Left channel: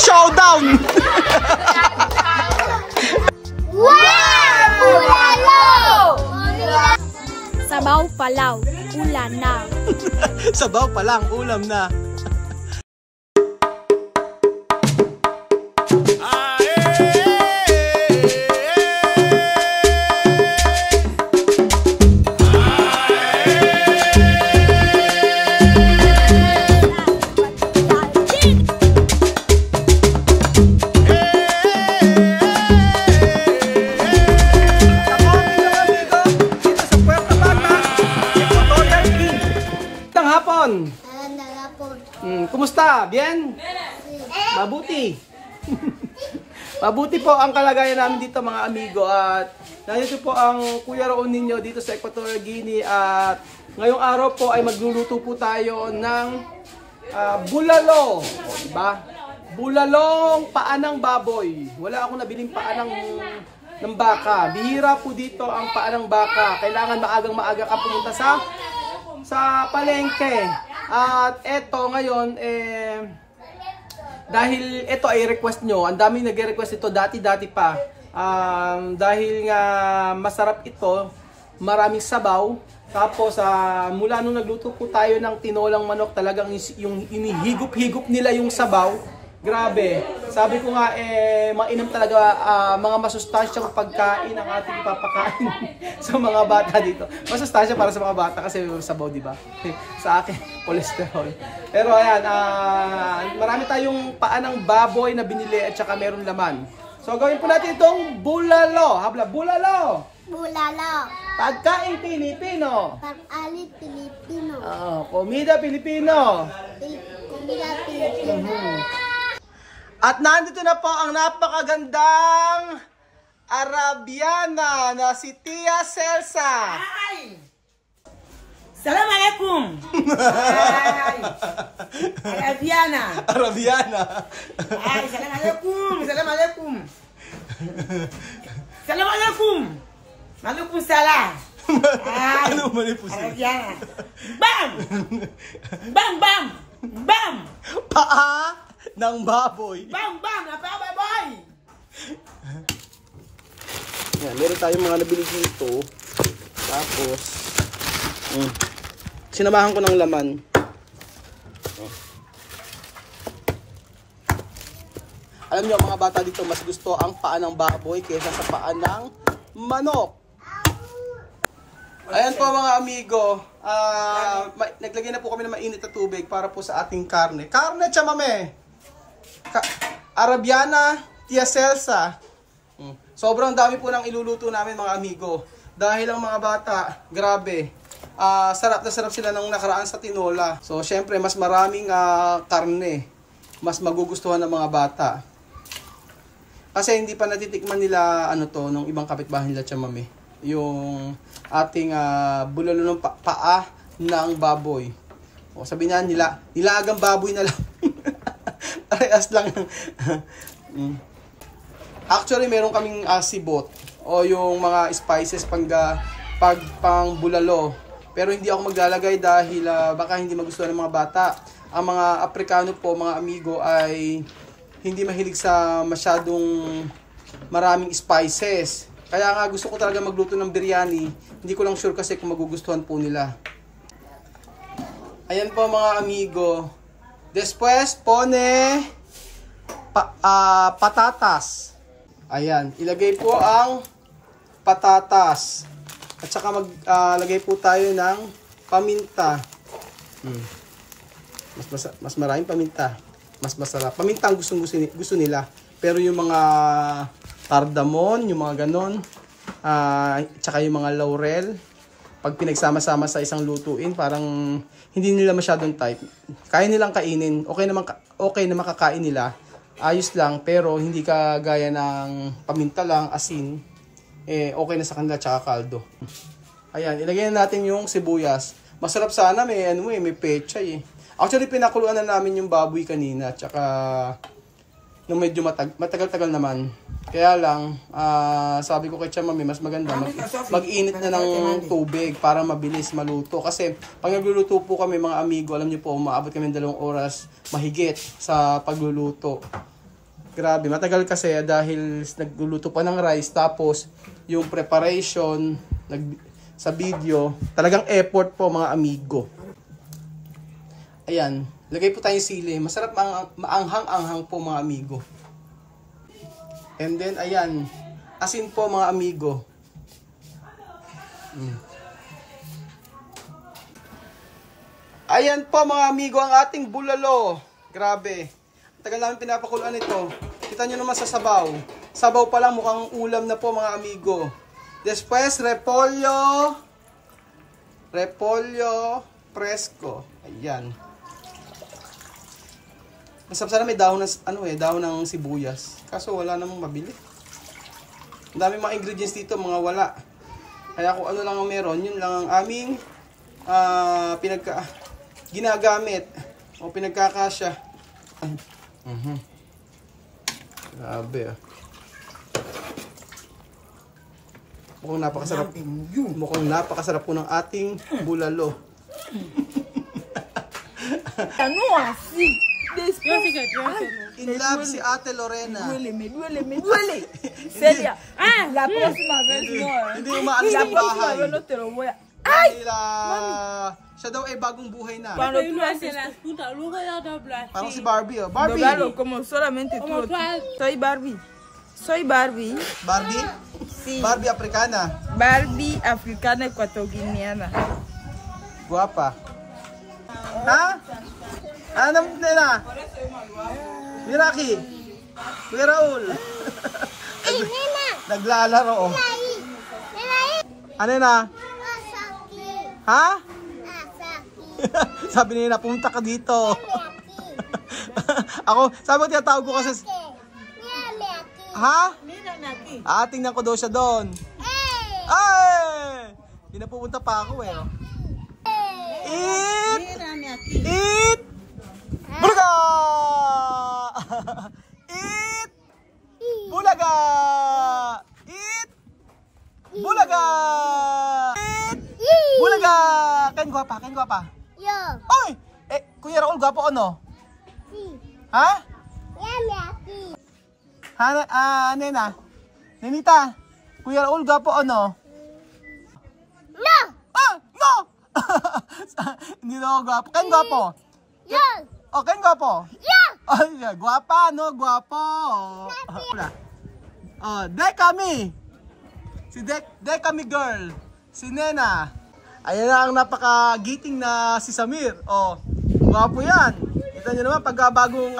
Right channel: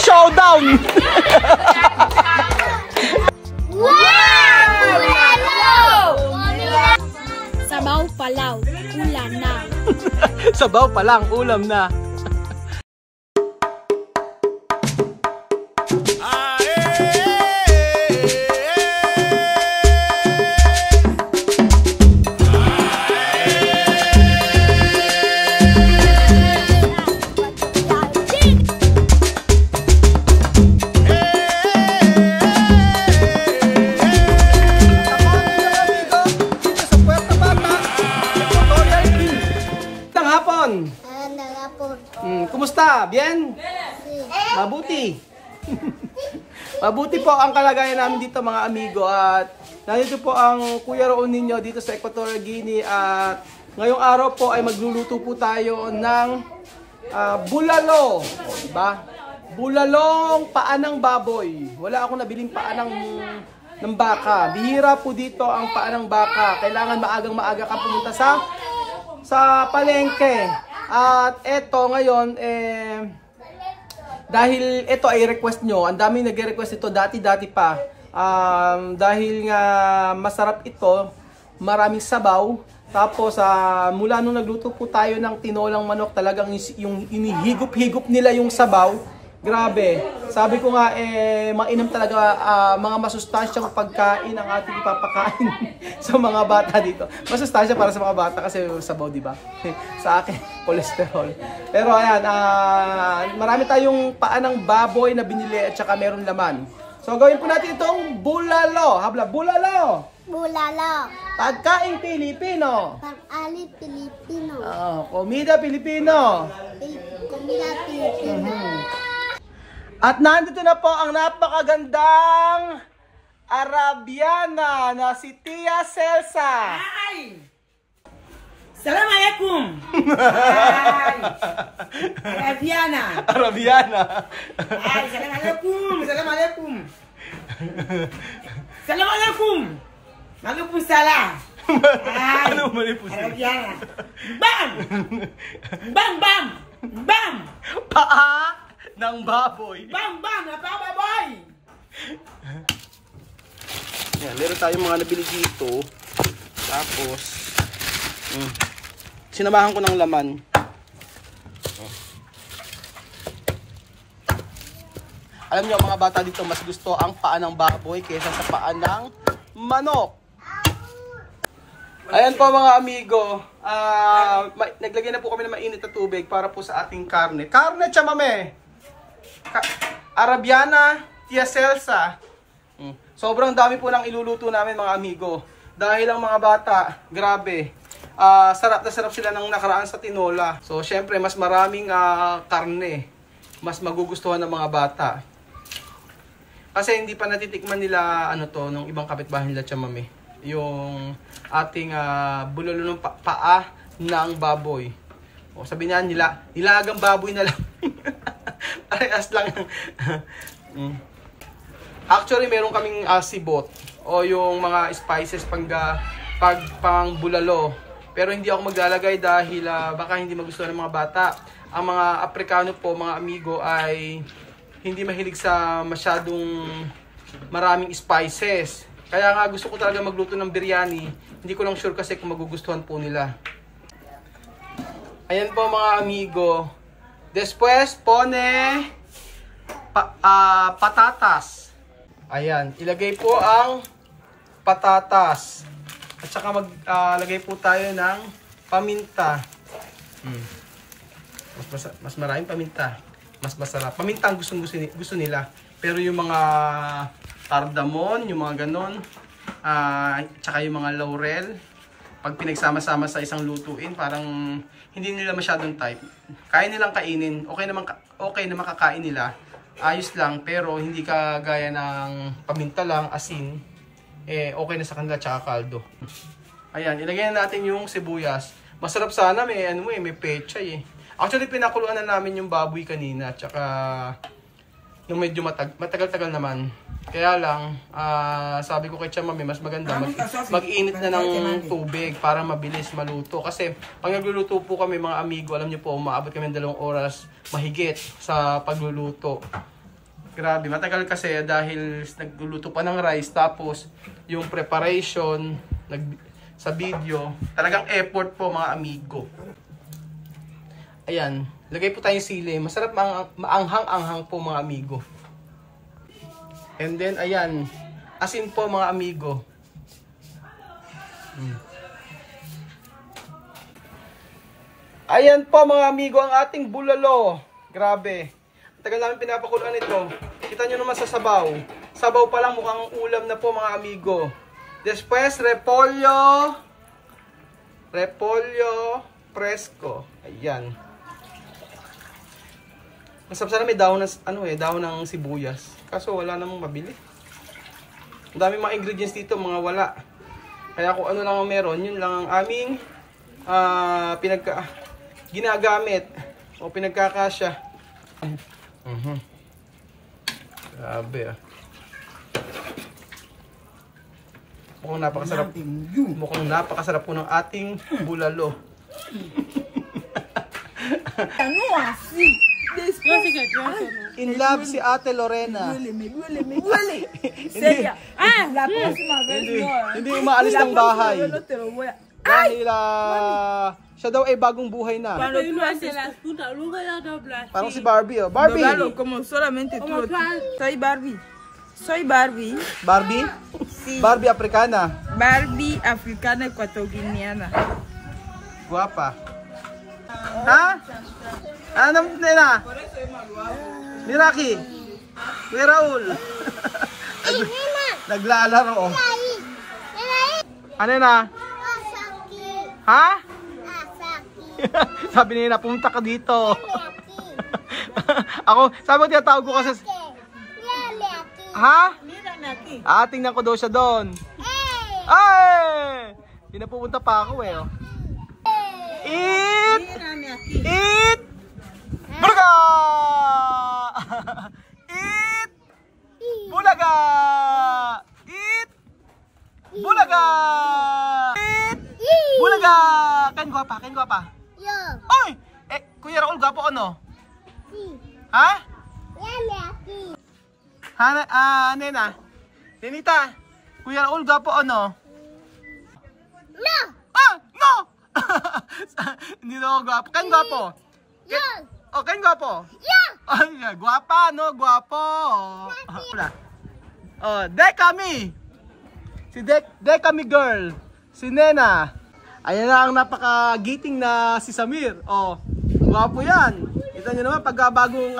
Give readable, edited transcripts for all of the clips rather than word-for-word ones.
Showdown! Sabaw palaw, ulam na. Sabaw pa lang, ulam na. Kumusta? Bien? Mabuti. Mabuti po ang kalagayan namin dito mga amigo at nandito po ang Kuya Roon ninyo dito sa Equatorial Guinea at ngayong araw po ay magluluto po tayo ng bulalo. O, diba? Bulalong paa ng baboy. Wala akong nabiling paa ng baka. Bihira po dito ang paa ng baka. Kailangan maagang-maaga ka pumunta sa palengke. At eto ngayon, dahil ito ay request nyo, ang daming nag-request ito dati-dati pa. Dahil nga masarap ito, maraming sabaw. Tapos mula nung nagluto po tayo ng tinolang manok, talagang yung inihigop-higop nila yung sabaw. Grabe. Sabi ko nga, mainam talaga mga masustansyang pagkain ang ating ipapakain sa mga bata dito. Masustansya para sa mga bata kasi sabaw, di ba? Sa akin, cholesterol. Pero ayan, marami tayong paa ng baboy na binili at saka meron laman. So gawin po natin itong bulalo. Habla, bulalo! Bulalo. Pagkain Pilipino. Pag-ali Pilipino. Komida Pilipino. Komida Pilipino. At nandito na po ang napakagandang Arabiana na si Tia Celsa. Hi! Assalamualaikum. Arabiana. Arabiana. Hi, assalamualaikum. Assalamualaikum. Assalamualaikum. Maalaikum salam. Ano mali po siya? Arabiana. Bam! Bam, bam! Bam! Paa ng baboy. Bam, bam! Napababoy! Yan, meron tayong mga nabili dito. Tapos, sinamahan ko ng laman. Alam niyo mga bata dito, mas gusto ang paa ng baboy kaysa sa paa ng manok. Ayan po mga amigo, naglagay na po kami ng mainit na tubig para po sa ating karne. Karne chamame! Arabiana, Tia Celsa. Sobrang dami po ng iluluto namin mga amigo. Dahil ang mga bata, grabe, sarap na sarap sila ng nakaraan sa tinola. So syempre mas maraming karne, mas magugustuhan ng mga bata. Kasi hindi pa natitikman nila nung ibang kapitbahay nila chamame. Yung ating bulalo ng paa ng baboy. O sabi nila, nilagang baboy na lang. Parehas lang. Actually, meron kaming sibot o yung mga spices pang bulalo. Pero hindi ako maglalagay dahil baka hindi magustuhan ng mga bata. Ang mga Aprikano po, mga amigo, ay hindi mahilig sa masyadong maraming spices. Kaya nga gusto ko talaga magluto ng biryani. Hindi ko lang sure kasi kung magugustuhan po nila. Ayan po mga amigo. Después pone patatas. Ayan, ilagay po ang patatas. At saka maglagay po tayo ng paminta. Mas maraming paminta. Mas masarap. Paminta ang gusto nila. Pero yung mga cardamom, yung mga ganon, tsaka yung mga laurel, pag pinagsama-sama sa isang lutuin, parang hindi nila masyadong type. Kaya nilang kainin. Okay na makakain nila. Ayos lang, pero hindi kagaya ng paminta lang, asin. Okay na sa kanila, tsaka kaldo. Ayan, ilagay na natin yung sibuyas. Masarap sana, may pechay eh. Actually, pinakuluan na namin yung baboy kanina, tsaka nung medyo matagal-tagal naman. Kaya lang, sabi ko kay Chamame, mas maganda mag-init na ng tubig para mabilis maluto. Kasi pag nagluluto po kami mga amigo, alam niyo po, umaabot kami ng 2 oras mahigit sa pagluluto. Grabe, matagal kasi dahil nagluluto pa ng rice tapos yung preparation sa video, talagang effort po mga amigo. Ayan, lagay po tayong sili. Masarap maanghang-anghang po mga amigo. And then ayan, asin po mga amigo. Ayan po mga amigo ang ating bulalo. Grabe. Tagal namin pinapakuluan ito. Kita nyo naman sa sabaw. Sabaw pa lang mukhang ulam na po mga amigo. Después, repolyo. Repolyo fresco. Ayan. Masarap sana may dahon ng, dahon ng sibuyas. Kaso wala namang mabili. Ang daming mga ingredients dito, mga wala. Kaya kung ano lang ang meron, yun lang ang aming ginagamit o pinagkakasya. Grabe ah. Mukhang napakasarap po ng ating bulalo. Ano así? In love si Ate Lorena. Me duele. Seria. La próxima vez no. Hindi umaalis ng bahay. No te lo voy a... Dahil siya daw ay bagong buhay na. Cuando tú haces Parang si Barbie oh. Barbie! Doblalo, como solamente tú lo... Soy Barbie. Soy Barbie. Barbie? Sí. Barbie africana. Barbie africana ecuatoguineana. Guwapa. Ha? Ano nila? Miraki. Kuya Raul. Naglalaro. Ano na? Ha? Sabi nila, pumunta ka dito. Ako, sabi ko tinatawag ko kasi... Ha? Tingnan ko daw siya doon. Ay! Hindi na pupunta pa ako eh. Eat! Eat! Bulaga! Eat! Bulaga! Eat! Bulaga! Eat! Bulaga! Kain guwapa, kain guwapa. Yo. Oy! Kuya Raul, guwapo ano? Ha? Nena. Nenita, Kuya Raul, guwapo ano? No. No! Hindi na ako guwapo. Kain guwapo. Yo. Kain guwapo. Yo. Ay, guwapa, no? Guwapo. Dekami. Si Dekami girl. Si Nena. Ayan na ang napaka-giting na si Samir. Guwapo yan. Kita nyo naman, pagka bagong,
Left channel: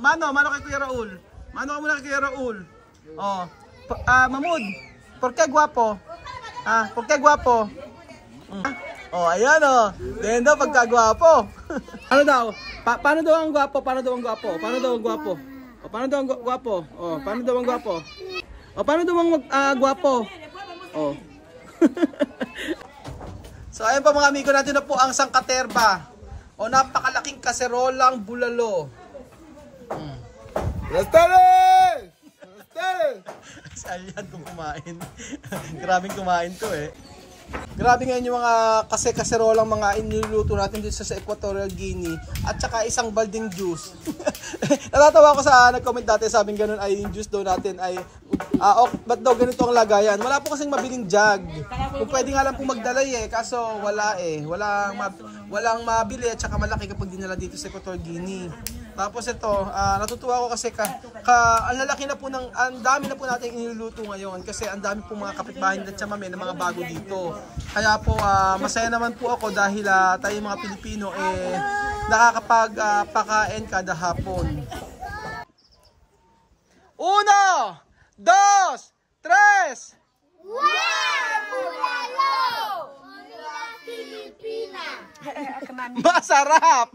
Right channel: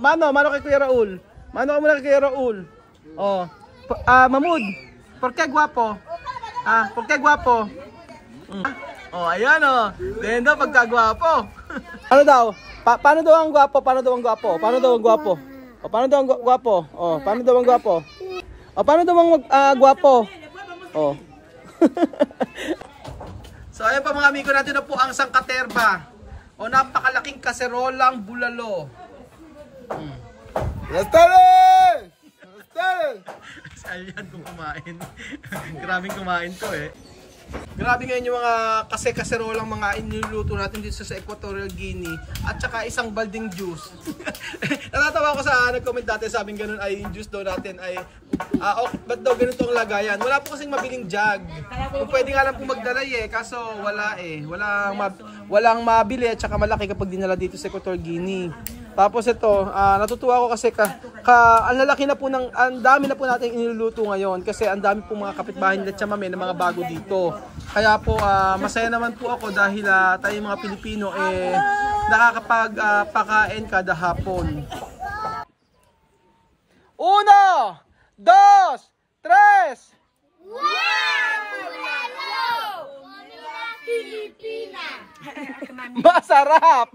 mano kay Kuya Raul. Mano ka muna kay Kuya Raul. Mamud, porke guwapo? Porke guwapo? Ayan Then daw, pagka guwapo. Ano daw? Paano daw ang guwapo? Paano daw ang guwapo? Paano daw ang guwapo? Paano daw ang guwapo? Paano daw ang guwapo? Paano daw ang guwapo? So ayan pa mga amigo natin na po ang sangkaterba. Napakalaking kaserolang bulalo. Rastare! Si Alyan kung kumain. Grabing kumain to eh. Grabe ngayon yung mga kaserolang mga iniluluto natin dito sa Equatorial Guinea. At saka isang balding juice. Natatawa ko sa nag-comment dati, sabing ganun ay yung juice daw natin ay ba't daw ganito ang lagayan? Wala po kasing mabiling jug. Kung pwede nga lang po magdalay kaso wala walang mabili at saka malaki kapag dinala dito sa Equatorial Guinea. Tapos ito, natutuwa ko kasi ang lalaki na po ang dami na po natin iniluluto ngayon kasi ang dami po mga kapitbahay nila Chamame na mga bago dito. Kaya po masaya naman po ako dahil tayo mga Pilipino nakakapagpakain kada hapon. 1, 2, 3! Masarap!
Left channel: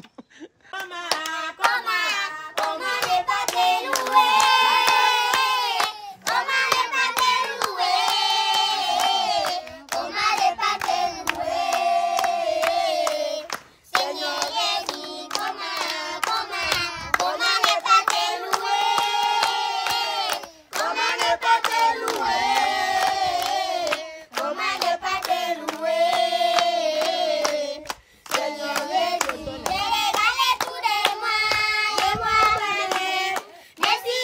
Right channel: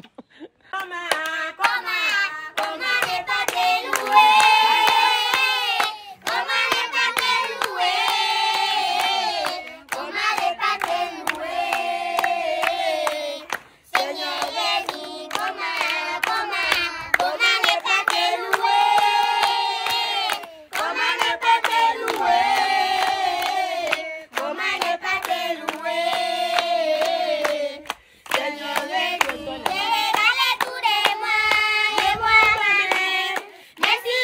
Merci,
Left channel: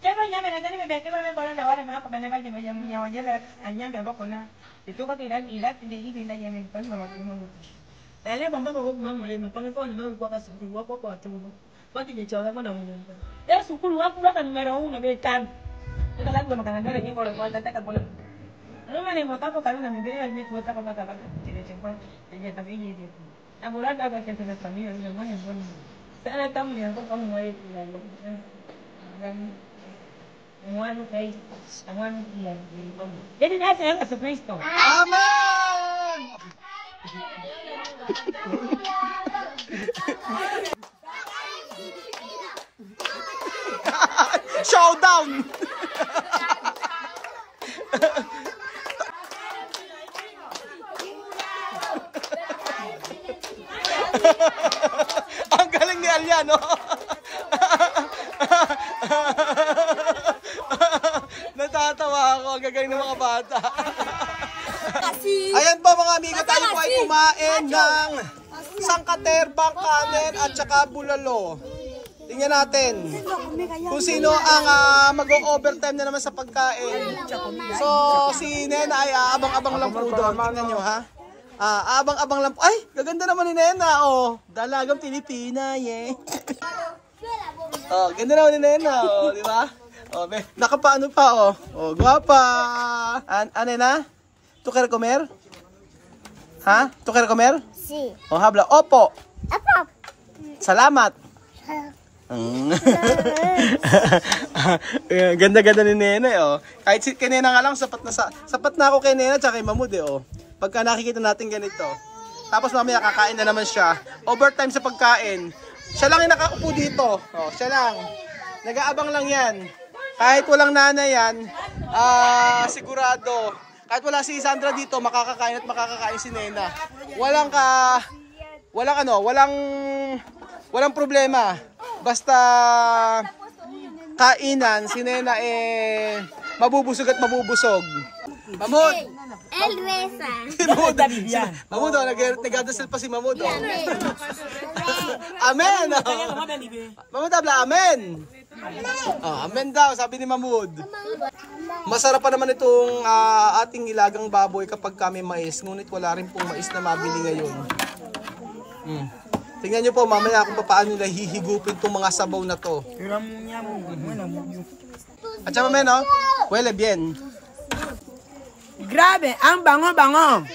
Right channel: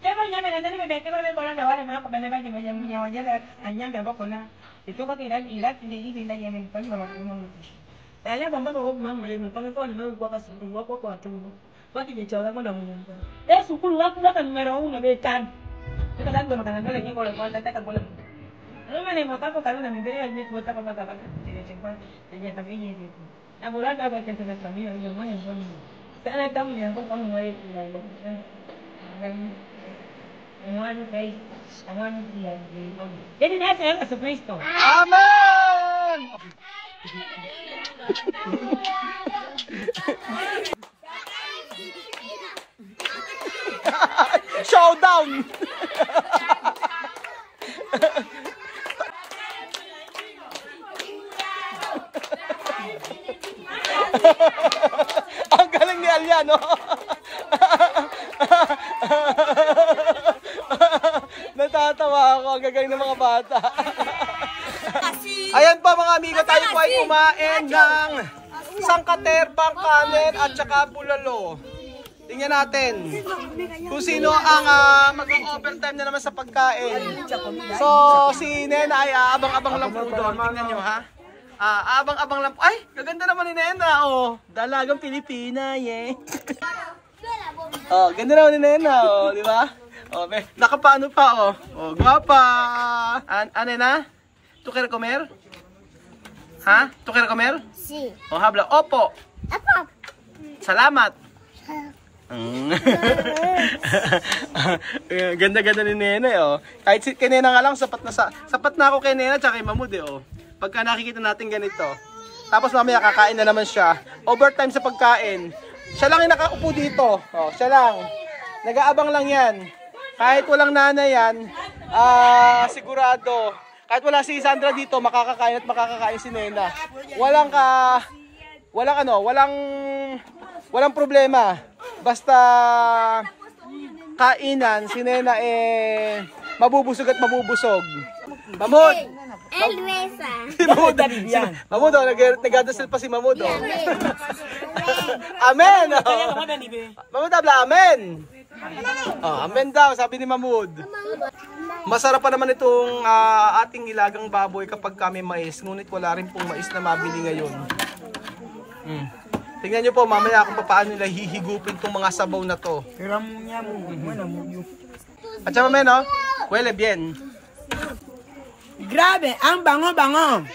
Pero niya, may nandun, may bete ko may parang dawa, mga kabanagay, di ba, yung yawan anyang gaba ko na. Ito ka ilat, hindi yan yung pag mga. Dahil bang ba ko mga pangko no ko kasi ko tumo. Bakit niya chola mo naman yun? Sukul ako na kan meron na betan. Ito lang ba maganda lagi ko lang wala ta ka ano man mo ta ko karon na hindi ay mo ta ko mata ka. Sige pa. Niya tabi niya dito. Nabulan ka ba sa pamilya yung mga yun. Sana tam niya ko pang way Awan kay awan niya. Jadi na sa Kristo. Amen! Showdown! Ang galing ni Aliano. Natatawa ako. Ang gagaling ng mga bata. Ayan pa mga amigo, tayo po ay kumain ng sangkater, bangkanen at saka bulalo. Tingnan natin kung sino ang mag-overtime na naman sa pagkain. So si Nena ay abang-abang lang po doon. Tingnan nyo ha. Abang-abang lang po. Ay, gaganda naman ni Nena. Oh, dalagang Pilipina. Yeah. Oh, ganda naman ni Nena. Oh, di ba? Oh, nakapaano pa oh. Oh, guwapa. Ano na? Tu quer comer? Ha? Tu quer comer? Si. Oh, habla. Opo. Apa? Salamat. Ganda-ganda ni Nena oh. Kahit si Nena nga lang sapat na ako kay Nena tsaka kay Mamud eh oh. Pagka nakikita natin ganito. Tapos mamaya kakain na naman siya. Overtime sa pagkain. Siya lang yung nakaupo dito. Oh, siya lang. Nag-aabang lang 'yan. Kahit walang nanay yan, sigurado. Kahit wala si Sandra dito, makakakain at makakakain si Nena. Walang problema. Basta kainan, si Nena mabubusog at mabubusog. Mamud! Elvesa. Si Mamud. Mamud, nag-adasal pa si Mamud. Amen! Mamud, habla, amen! Amen daw, sabi ni Mamud. Masarap pa naman itong ating ilagang baboy kapag kami mais. Ngunit wala rin pong mais na mabili ngayon. Tingnan nyo po mamaya kung paano nila hihigupin itong mga sabaw na to. At saka mamaya no? Huele bien. Grabe, ang bango-bango.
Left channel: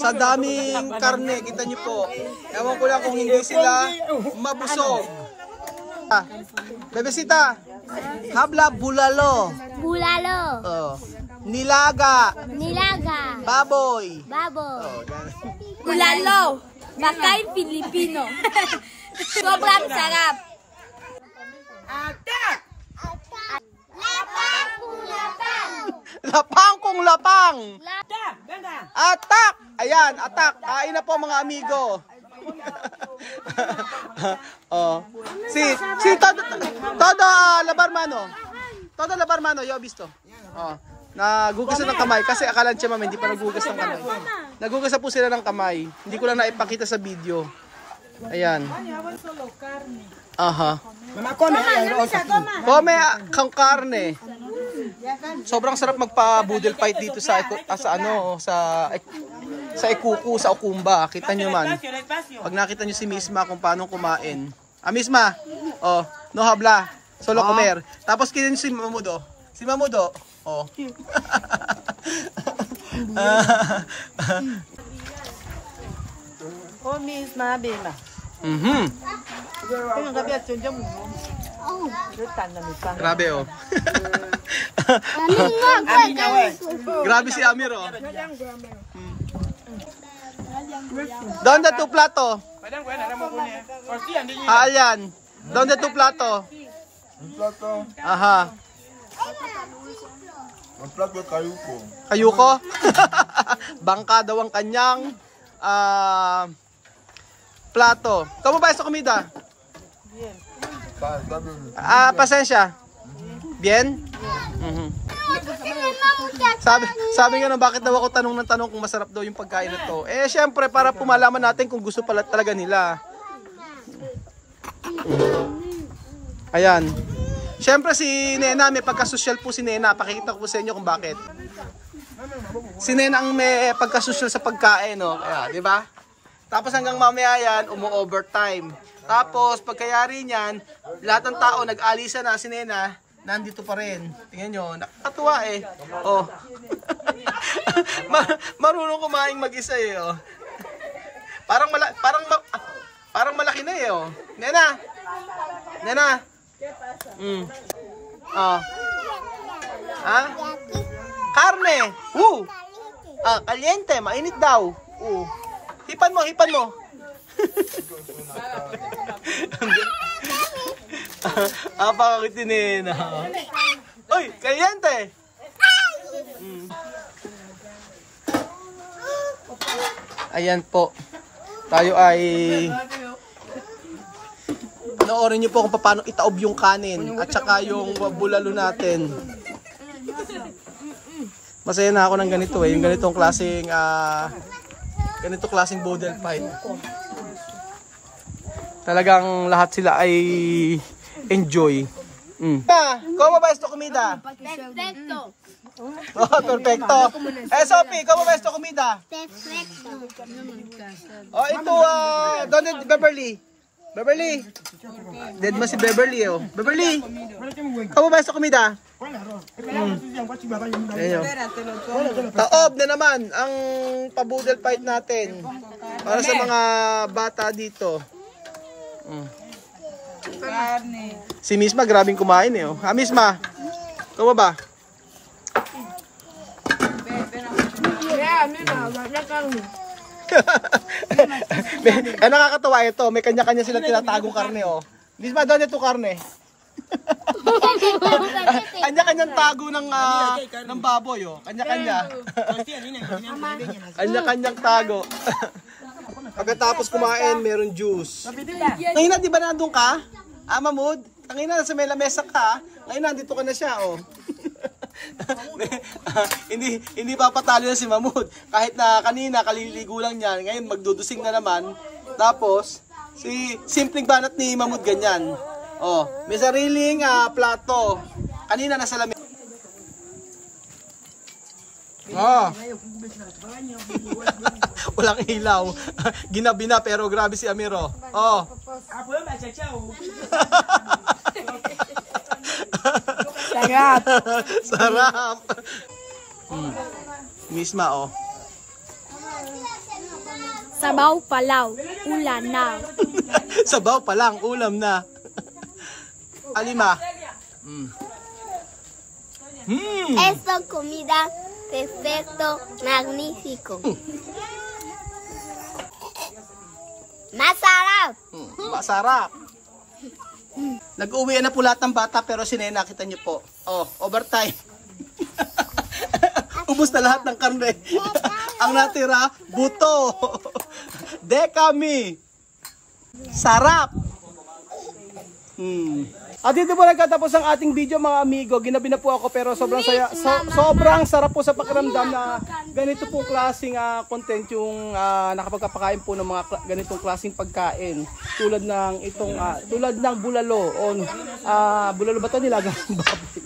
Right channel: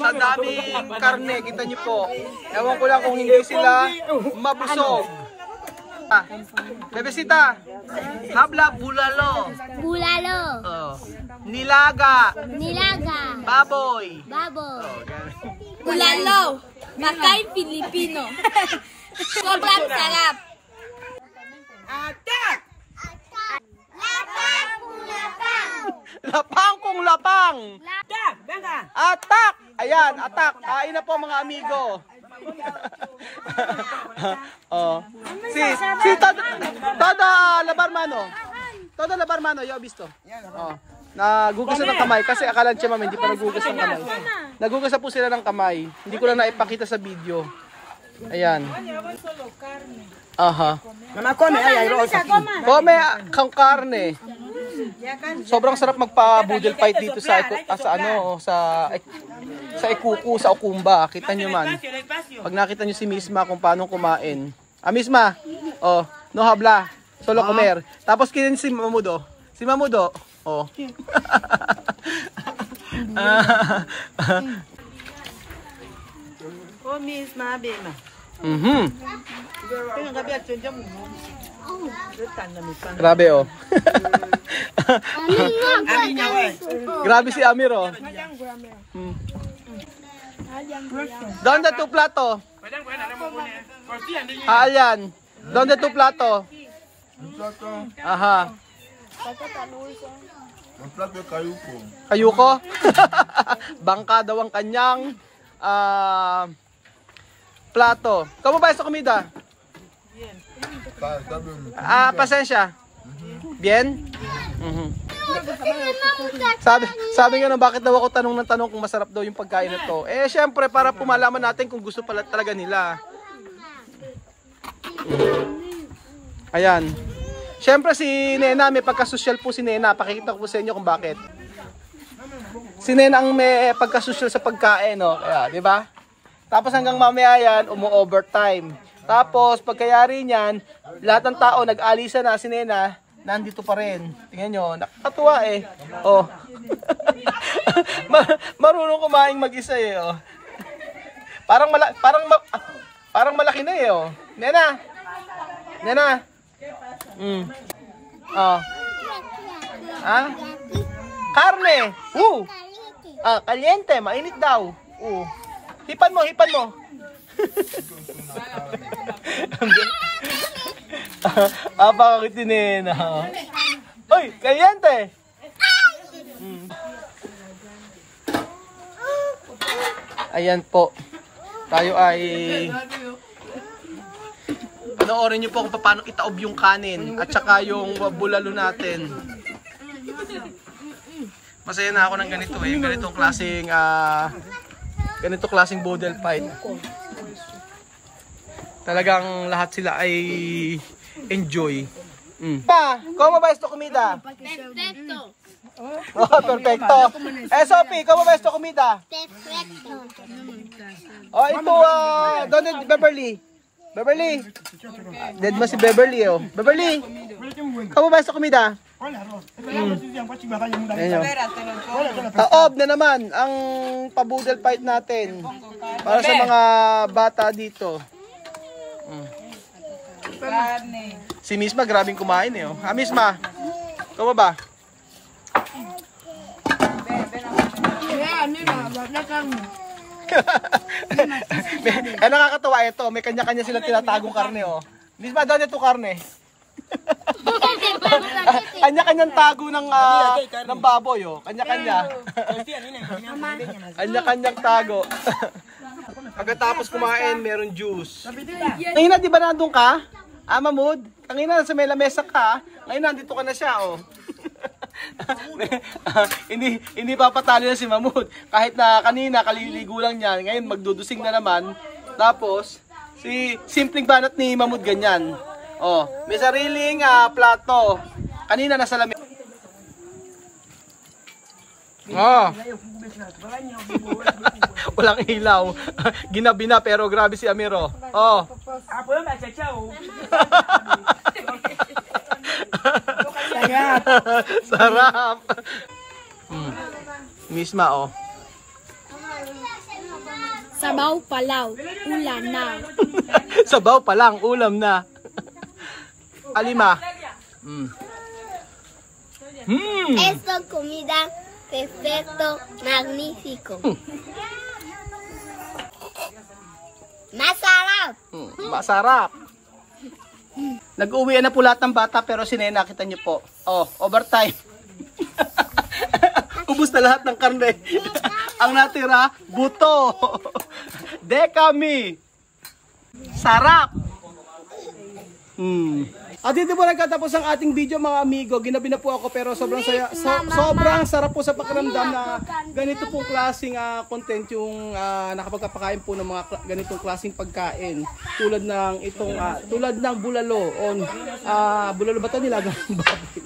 Sa daming karne, kita nyo po. Ewan ko lang kung hindi sila mabusog. Bebesita, habla bulalo. Bulalo. Oh. Nilaga. Nilaga. Baboy. Baboy. Oh, Bulalo. Makain Pilipino. Sobrang sarap. Atak! Lapang kung lapang. Lapang kung lapang. Atak! Daga! Atak! Ayan, atak. Kain na po mga amigo. Oh. Si todo labarmano. Todo labarmano, yo visto. Oh. Nagugas na ng kamay kasi akala niya mama hindi pa nagugas ng kamay. Nagugas na po sila ng kamay. Hindi ko lang naipakita sa video. Ayan. Aha. Come kang karne. Sobrang sarap magpa-boodle fight dito sa Ikuku, sa Okumba. Kita nyo man. Pag nakita nyo si Misma kung paano kumain. Misma. Oh, no habla. Solo comer. Tapos kinin si Mamudo. Si Mamudo. Oh. Oh, Misma, Bema. Grabe oh. Grabe si Amir oh. Donde tu plato? Ayan. Donde tu plato? Un plato, Aha. un plato de cayuco. Kayuko? Bangka daw ang kanyang plato. Kamu ba sa komida? Está bien. Pasensya. Bien? Sabi nga na bakit daw ako tanong ng tanong kung masarap daw yung pagkain na to. Syempre para pumalaman natin kung gusto pala talaga nila. Ayan. Siyempre si Nena, may pagkasosyal po si Nena. Pakikita ko po sa inyo kung bakit. Si Nena ang may pagkasosyal sa pagkain, no? Kaya, di ba? Tapos hanggang mamaya yan, umu-overtime. Tapos pagkayari niyan, lahat ng tao nag-alisa na, si Nena nandito pa rin. Tingnan nyo, nakakatuwa eh. Oh. Marunong kumain mag-isa eh, oh. Parang malaki na eh, oh. Nena. Nena. Oh. Ah? Karne. Kaliente, mainit daw. Hipan mo. Apakakit ni Nena. Uy, kaliente. Ayan po. Tayo ay panoorin niyo po kung paano itaob yung kanin at saka yung bulalo natin. Masaya na ako ng ganito eh, yung ganitong klaseng boodle fight. Talagang lahat sila ay enjoy. ¿Cómo va esto comida? Perfecto. Oh, perfecto. Sophie, ¿cómo va esto comida? Perfecto. Oh, ito, ¿dónde Beverly? Beverly. Dead mo si Beverly, oh. Beverly, ¿cómo va esto comida? Ayan. Taob na naman ang pabudel fight natin para sa mga bata dito. Si Misma grabing kumain eh, oh. Misma, ¿cómo ba? Nakakatawa ito. May kanya-kanya silang tinatagong karne, oh. Misma, doon ito karne. Kanya-kanyang tago ng baboy, oh. Kanya-kanya. Kanya-kanyang tago. Pagkatapos kumain, meron juice. Ngayon, di ba nandun ka? Mahmoud? Ngayon na, sa may lamesa ka. Ngayon, nandito ka na siya, oh. hindi papatalo na si Mahmoud. Kahit na kanina kaliligo lang niya, ngayon magdudusing na naman. Tapos si simpleng banat ni Mahmoud ganyan. Oh, may sariling plato. Kanina nasa lamesa. Walang ilaw. Ginabi na pero grabe si Amiro. Oh. Sarap. Misma, oh. Sabaw palaw, ulam na. Sabaw pa lang, ulam na. Alima. Esto comida perfecto, magnífico. Masarap. Masarap. Nag-uwi na po lahat ng bata pero si Nena, kita niyo po. Oh, overtime. Ubus na lahat ng karne. Ang natira, buto. Dekami. Sarap. At dito po nagtatapos ang ating video mga amigo. Ginabi na po ako pero sobrang saya, sobrang sarap po sa pakiramdam na ganito pong klaseng content yung nakapagpapakain po ng mga ganitong klaseng pagkain. Tulad ng itong tulad ng bulalo o bulalo ba 'to nilagang baboy.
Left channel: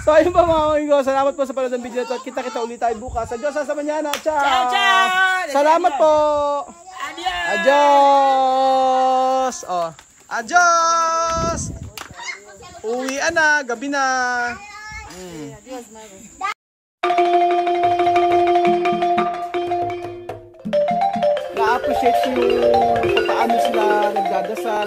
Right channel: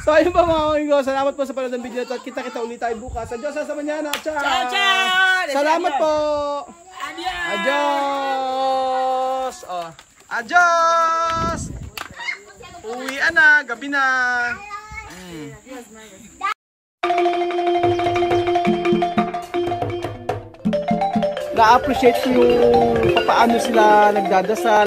So ayun po mga amigo, salamat po sa panonood ng video ito at kita-kita ulit tayo bukas. Adios sa manana. Ciao. Salamat po. Adios. Oh. Adios! Uwi na, gabi na. Na-appreciate ko yung paano sila nagdadasal